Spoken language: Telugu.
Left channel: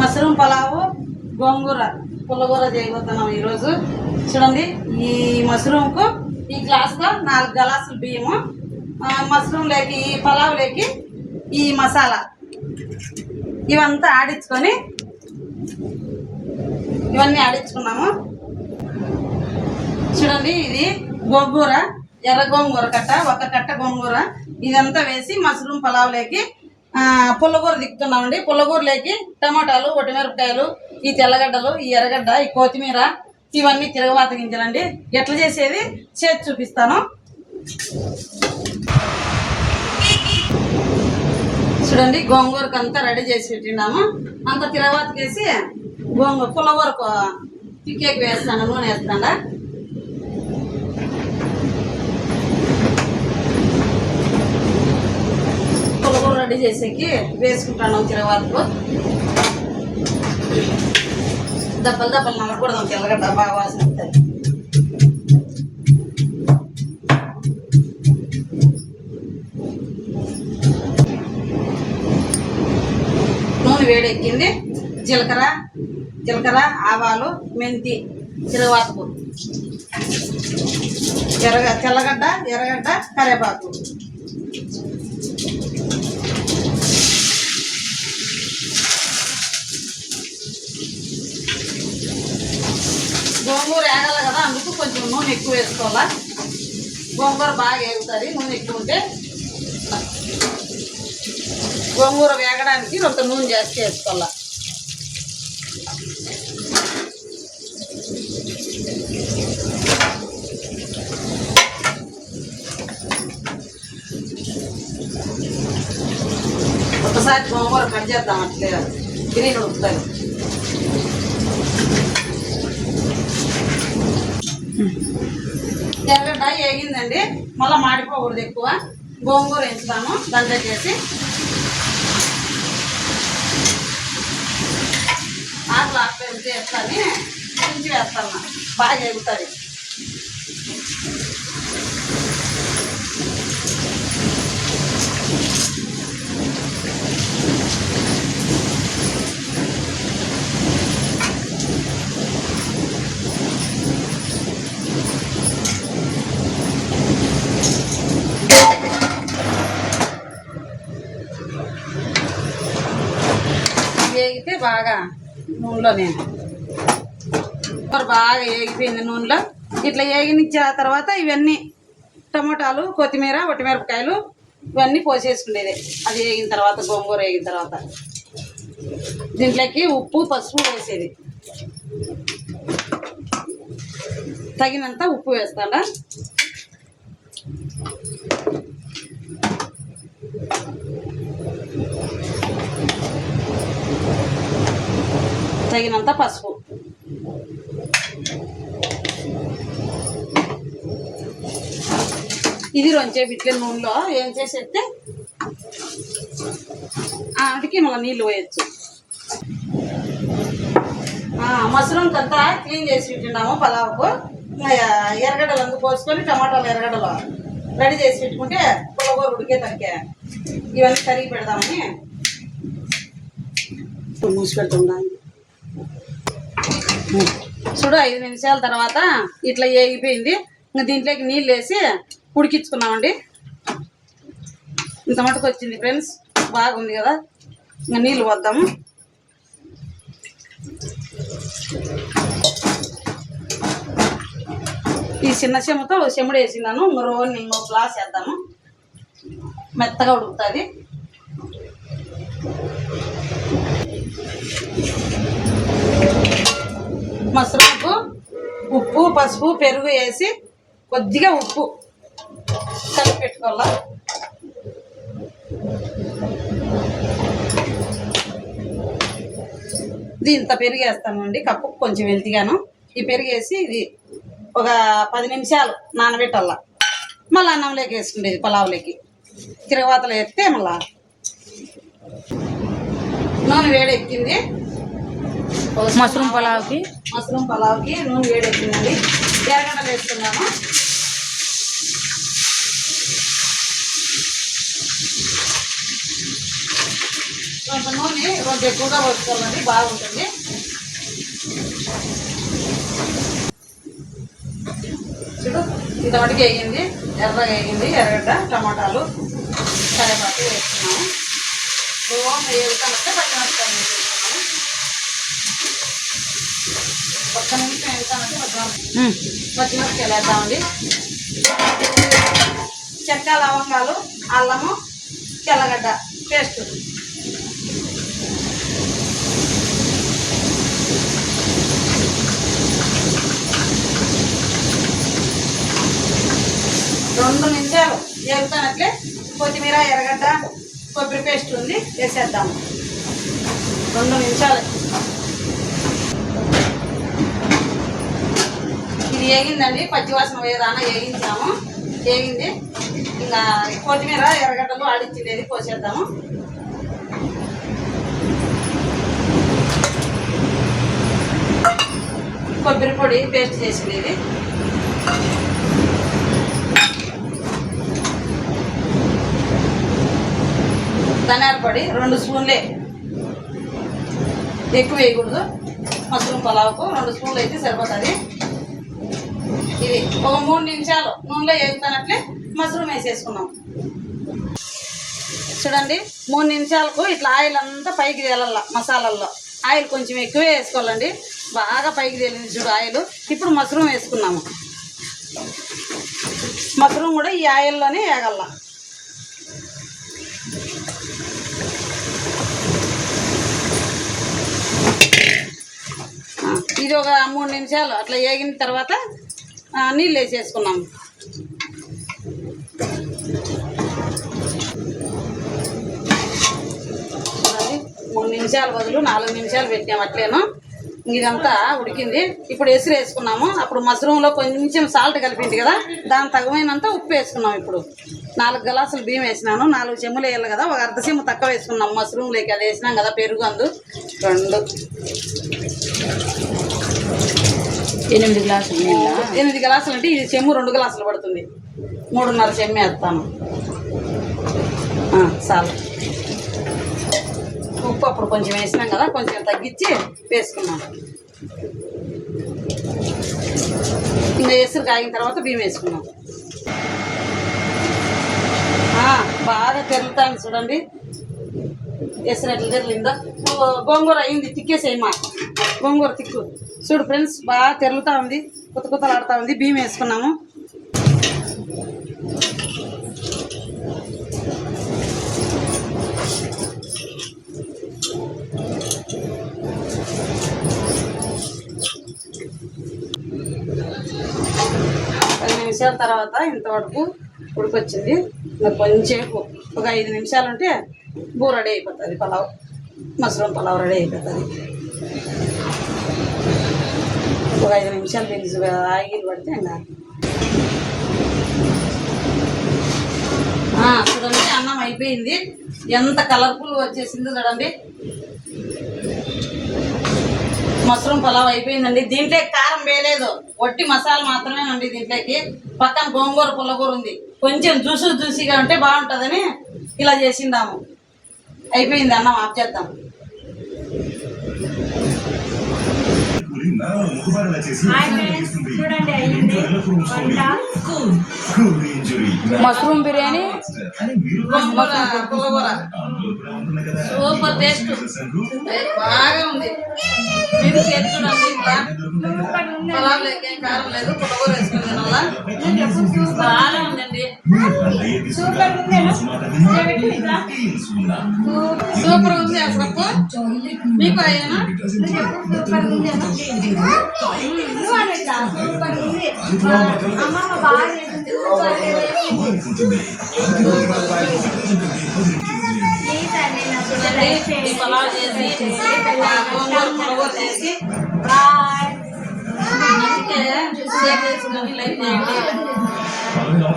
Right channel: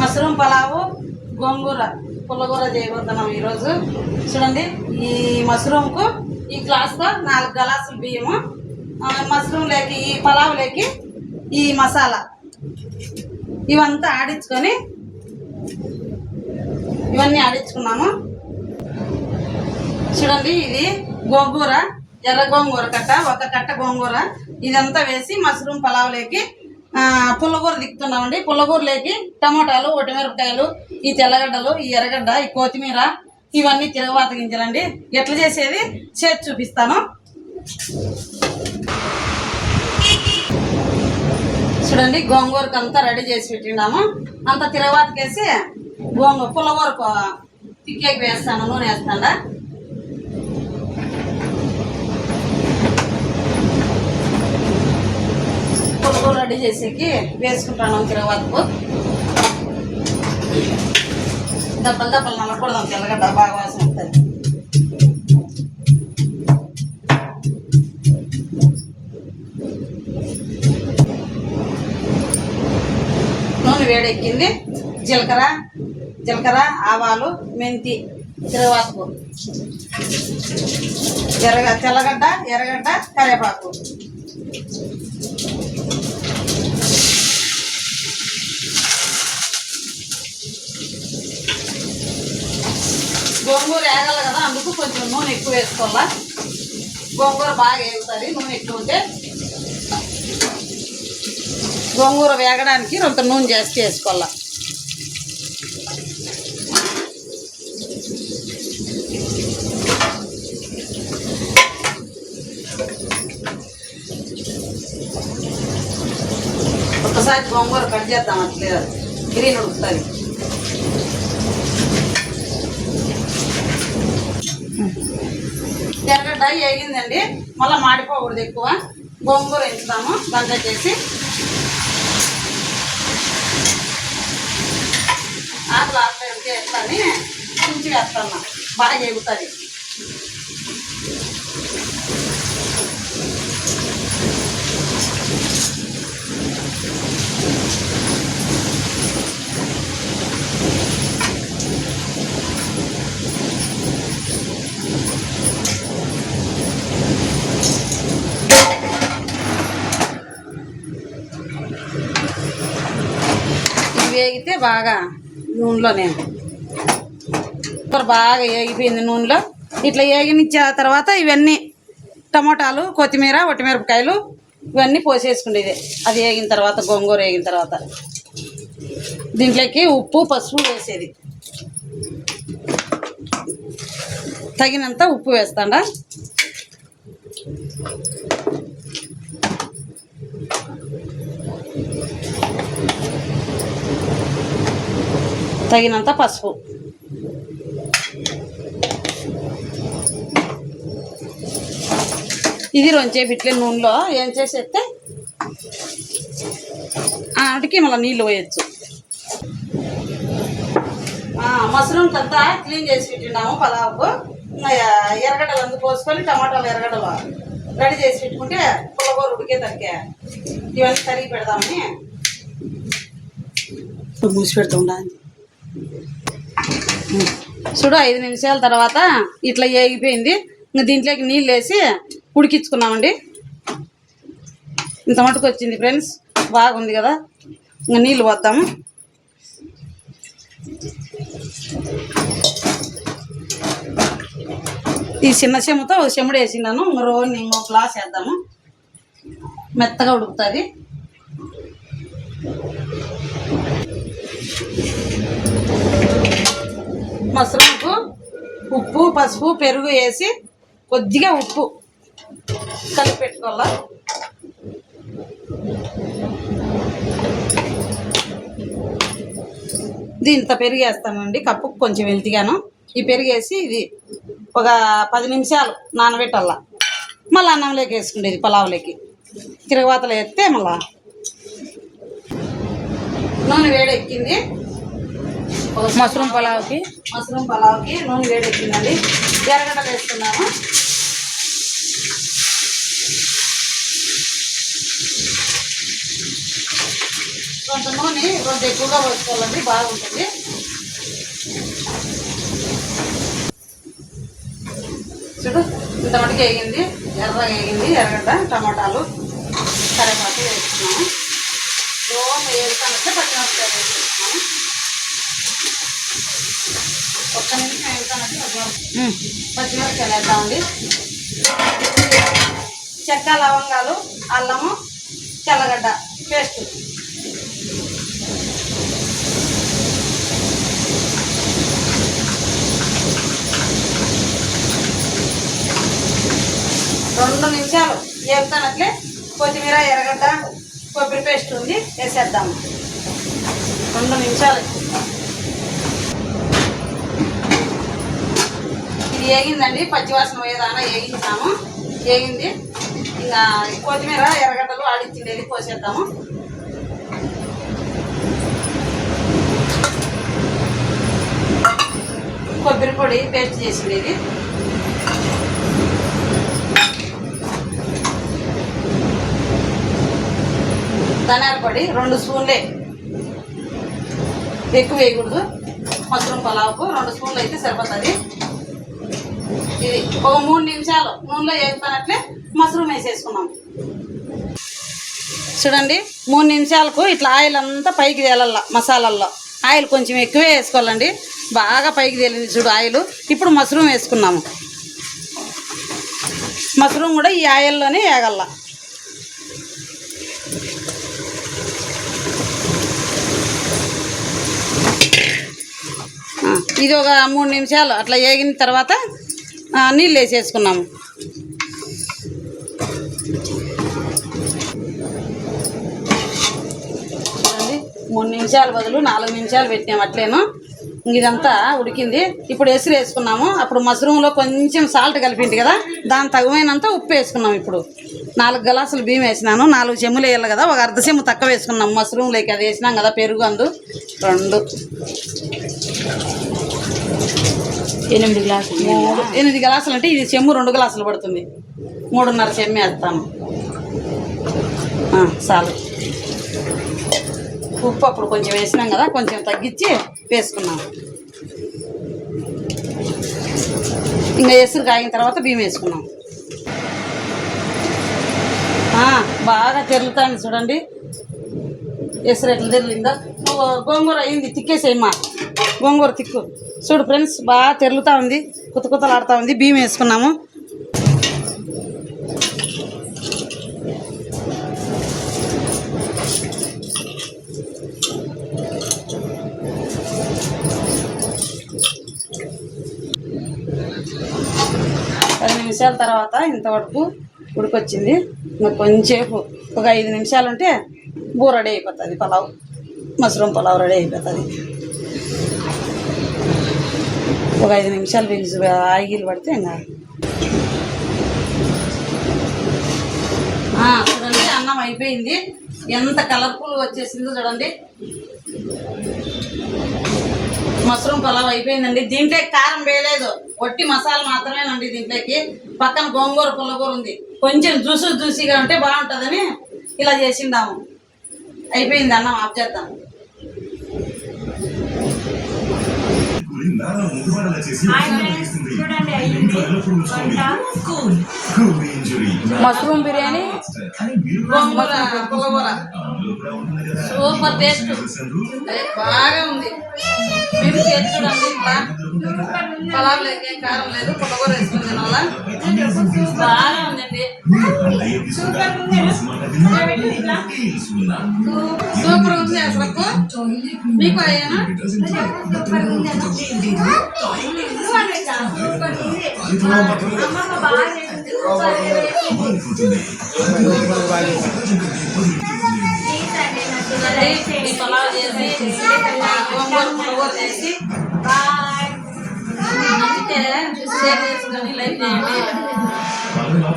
మష్రూమ్ పలావు గోంగూర పుల్లగూర చేయబోతున్నాం ఈరోజు. చూడండి, ఈ మష్రూమ్కు ఈ గ్లాస్తో 4 గ్లాసులు బియ్యము, మష్రూమ్లోకి ఈ పలావులోకి ఈ మసాలా ఇవంతా ఆడించుకొని ఇవన్నీ ఆడించుకున్నాము. చూడండి, ఇది గోంగూర, ఎర్ర గోంగూర కట్ట, ఒక కట్ట గోంగూర ఇదంతా వేసి మష్రూమ్ పలావులోకి పుల్లగూర దిక్కుతున్నామండి. పుల్లగూరలోకి టమాటాలు, ఒటిమిరపకాయలు, ఈ తెల్లగడ్డలు, ఈ ఎర్రగడ్డ, ఈ కొత్తిమీర ఇవన్నీ తిరగవాత గింజలండి. ఎట్లా చేసేది చేసి చూపిస్తాను. చూడండి, గోంగూరకు అంతా రెడీ చేసి పెట్టినాము. అంత తిరగవాతకేసి పుల్లగూరకు తిక్కేకి వేస్తాను, నూనె వేస్తాడా. పుల్లగూర రెడీ చేసేకి వేసుకుంటాను తిరగవాతకు. దప్పలు దప్పలు నల్లకూడదాం, తెల్లగడ్డ బాగా వాసన వస్తుంది. నూనె వేడెక్కింది. జీలకర్ర, ఆవాలు, మెంతి తిరగవాతకు, తెల్లగడ్డ, ఎర్రగడ్డ, కరివేపాకు. గోంగూర వేగాలి కదా, అందుకు కొంచెం నూనె ఎక్కువ వేసుకోవాలా. గోంగూర బాగా వేగుతుంది నూనె ఎక్కువ ఉంటే. గోంగూర వేగడానికి కొంత నూనె జాస్తి వేసుకోవాలా. ఒకసారి గోంగూర కట్ చేద్దాం, అట్లే గ్రీన్ ఉడుకుతుంది. ఎర్రగడ్డ వేగిందండి, మళ్ళీ మాడిపోకూడదు ఎక్కువ. గోంగూర వేస్తాము దాంట్లో చేసి. ఆకులు ఉంటే వేస్తాను, కుంచి వేస్తాను, బాగా ఎగుతుంది. వేగితే బాగా నూనెలోనే బాగా వేగిపోయింది నూనెలో. ఇట్లా వేగినిచ్చే తర్వాత ఇవన్నీ టమోటాలు, కొత్తిమీర, ఒటిమిరపకాయలు ఇవన్నీ పోసేసుకునేది. అది వేగిన తర్వాత, గోంగూర వేగిన తర్వాత దీంట్లోకి ఉప్పు, పసుపు వేసేది. తగినంత ఉప్పు వేస్తాడా. తగినంత పసుపు. ఇది రొంచే బిట్లే నూనెలో ఏం చేసేస్తే ఆడికి మళ్ళీ నీళ్ళు పోయచ్చు. మష్రూమ్స్ అంతా క్లీన్ చేసి పెట్టినాము పలావుకు. ఎర్రగడ్డలు అందుకు పోసుకొని టమాటాలు, ఎర్రగడ్డలు రెడీ చేసి పెట్టుకుంటే పుల్లగూర ఉడికే తరికే ఇవన్నీ కరిగి పెడదామని మూసి పెడుతుండా. చూడు, 5 నిమిషాల తర్వాత ఇట్లా వేగిపోయింది. ఇంకా దీంట్లోకి నీళ్ళు వేసి ఉడికించుకున్నామండి. ఇంత మటుకు వచ్చింది ఫ్రెండ్స్, బాగుంది కదా. ఇంకా నీళ్ళు పోద్దాము. ఈ చిన్న చెమ్ముతో చెమ్ముడు వేసినాను. రోజు ఇంకో గ్లాస్ వేద్దాము, మెత్తగా ఉడుకుతుంది. మష్రూమ్కు ఉప్పు, పసుపు, పెరుగు వేసి కొద్దిగా ఉప్పు కలిపి పెట్టుకోవాలా. దీంతో పెరుగు వేస్తానండి, కప్పుకు కొంచెం వెళ్తిగాను. ఈ పెరుగు వేసి ఇది ఒక 10 నిమిషాలు నానబెట్టాల. మళ్ళీ అన్నంలోకి వేసుకునేది, పలావులోకి తిరగవాతలో వేస్తే మళ్ళా. నూనె వేడెక్కింది. మష్రూమ్ పలావ్కి నూనె వేడెక్కిందండి. ఎర్రగడ్డలు వేస్తున్నాము. కొంత నూనె కొంచెం ఎక్కువగా పోసుకోవాలండి, బాగుంటుంది. చూడు ఇంత మటుకు వేగింది, ఎర్రగా వేగింది. ఎర్రగడ్డ, టమాటాలు, కరివేపాకు వేసుకున్నాము. వేసుకున్నట్టే పచ్చిమిరపకాయలు వేసుకున్నాము. ఒక్క నిమిషం వేసుకున్నట్టు పచ్చిమిరపకాయలు వేద్దామండి. చెక్క, లవంగాలు, అల్లము, తెల్లగడ్డ పేస్ట్. రెండు నిమిషాలు వేగుతున్నట్లే కొత్తిమీర, ఎర్రగడ్డ, కొబ్బరి పేస్ట్ ఉంది వేసేద్దాము. 2 నిమిషాలు ఇది వేగిందండి. పచ్చివాసన పోయేదానా వేగించాము. వేగింది. ఇంకా కొత్తిమీర, ఎర్రగడ్డలు ఆడిచ్చిండేది పోసేద్దాము. కొబ్బరి పొడి పేస్ట్ చేసిండేది. ధనియాల పొడి 2 స్పూన్లే, ఎక్కువ వేయకూడదు. మష్రూమ్ పలావుకు 2 స్పూన్లు అయితే సరిపోతుంది. ఇది ఒక 3 నిమిషాలు నూనెలో వేగుతున్నట్లే మష్రూమ్ వేసేసుకున్నాం. చూడండి 3 నిమిషాలకు ఇట్లా ఆయిల్ అంతా పైకి తేలల్ల. మసాలాల్లో ఆయిల్ కొంచెం ఎక్కువే వేసుకోవాలండి, బాగా పైకి తేలింది చూడు ఆయిల్. ఇప్పుడు మష్రూమ్ వేసుకున్నాము. మష్రూమ్ కూడా ఈ ఆయిల్లోనే వేగల్ల. ఇది ఒక 3 నిమిషాలు అట్లా వేగిన తర్వాత నీళ్ళు వేసేసుకున్నాము. చూడండి 3 నిమిషాలు బదులు 4 నిమిషాలు పెట్టాము అట్లేను. ఇదంతా ఉడికింది. ఇప్పుడు ఎసురు వేసుకున్నాము. అప్పుడు మష్రూమ్లో కొంచెం సాల్ట్ కలిపింది కదా, దాని తగినంత ఉప్పు వేసుకున్నాము. ఇప్పుడు 4 గ్లాసులు బియ్యం వేసినాను. 4 చెమ్ములు వేయాలి కదా, ఒక అర్ధ చెమ్ము తక్కువ వేసుకున్నాము మష్రూమ్లోకి. అది వేసినాం కదా, పెరుగు అందు 2 8 గ్లాసులు నీళ్ళ. 8 గ్లాసులు అంటే ఇది చెమ్ము 2 గ్లాసులు పడుతుంది. 3.5 చెమ్ము వేస్తాను. చాలు. ఉప్పు అప్పుడు కొంచెం వేసినాం కదా, కొంచెం తగ్గించి వేసుకున్నాం. ఇంకా ఎసురు కాగిన తర్వాత బియ్యం వేసుకున్నాం. బాగా తెరులుతాను చూడండి ఎసురు ఎట్లా తెరలిందో. గోంగూర అయింది, తిక్కేసేయమ్మా. గోంగూర తిక్కు. చూడు ఫ్రెండ్స్, బాగా తెరులుతూ ఉంది, కుతలాడుతూ ఉంది. బియ్యం వేసుకున్నాము. నిమిషాల తర్వాత ఇంతవరకు ఉడికొచ్చింది. ఇంకా కొంచెంసేపు ఒక 5 నిమిషాలు ఉంటే బూ రెడీ అయిపోతుంది. పలావ్, మష్రూమ్ పలావ్ రెడీ అయిపోతుంది. ఒక 5 నిమిషాలు బిల్స్ ఆయిల్ పడితే ఇంకా చూడండి అన్నం అయిపోయింది. ఎంత కలర్ఫుల్ వచ్చేసిందో చూడండి. మష్రూమ్ పలావ్ అయిపోయిందండి. దీంట్లో కారం వేయలేదు, వట్టి మసాలా మాత్రమేనండి దీంట్లోకి. పక్కన గోంగూర, పుల్లగూర ఉంది. కొంచెం జ్యూసీగా ఉంటే బాగుంటుందని ఇలా చేసిండాము. అయిపోయింది, అన్నం ఆఫ్ చేద్దాం. మష్రూమ్ బిర్యానీ, పుల్లగూర సూపర్ టేస్ట్, బాగా ఉంది. మీరు చూడండి, ఇట్లా పలావ్ లేక కారం లేదు, పుల్లగూర వేసుకుని తినాలా, బాగా ఉందండి. సూపర్ ఉంది అసలు. మీకు అయ్యానా? పలావ్ చేసి గోంగూర చేసి అందుకే షేర్ చేసుకొని లైక్ చేయండి.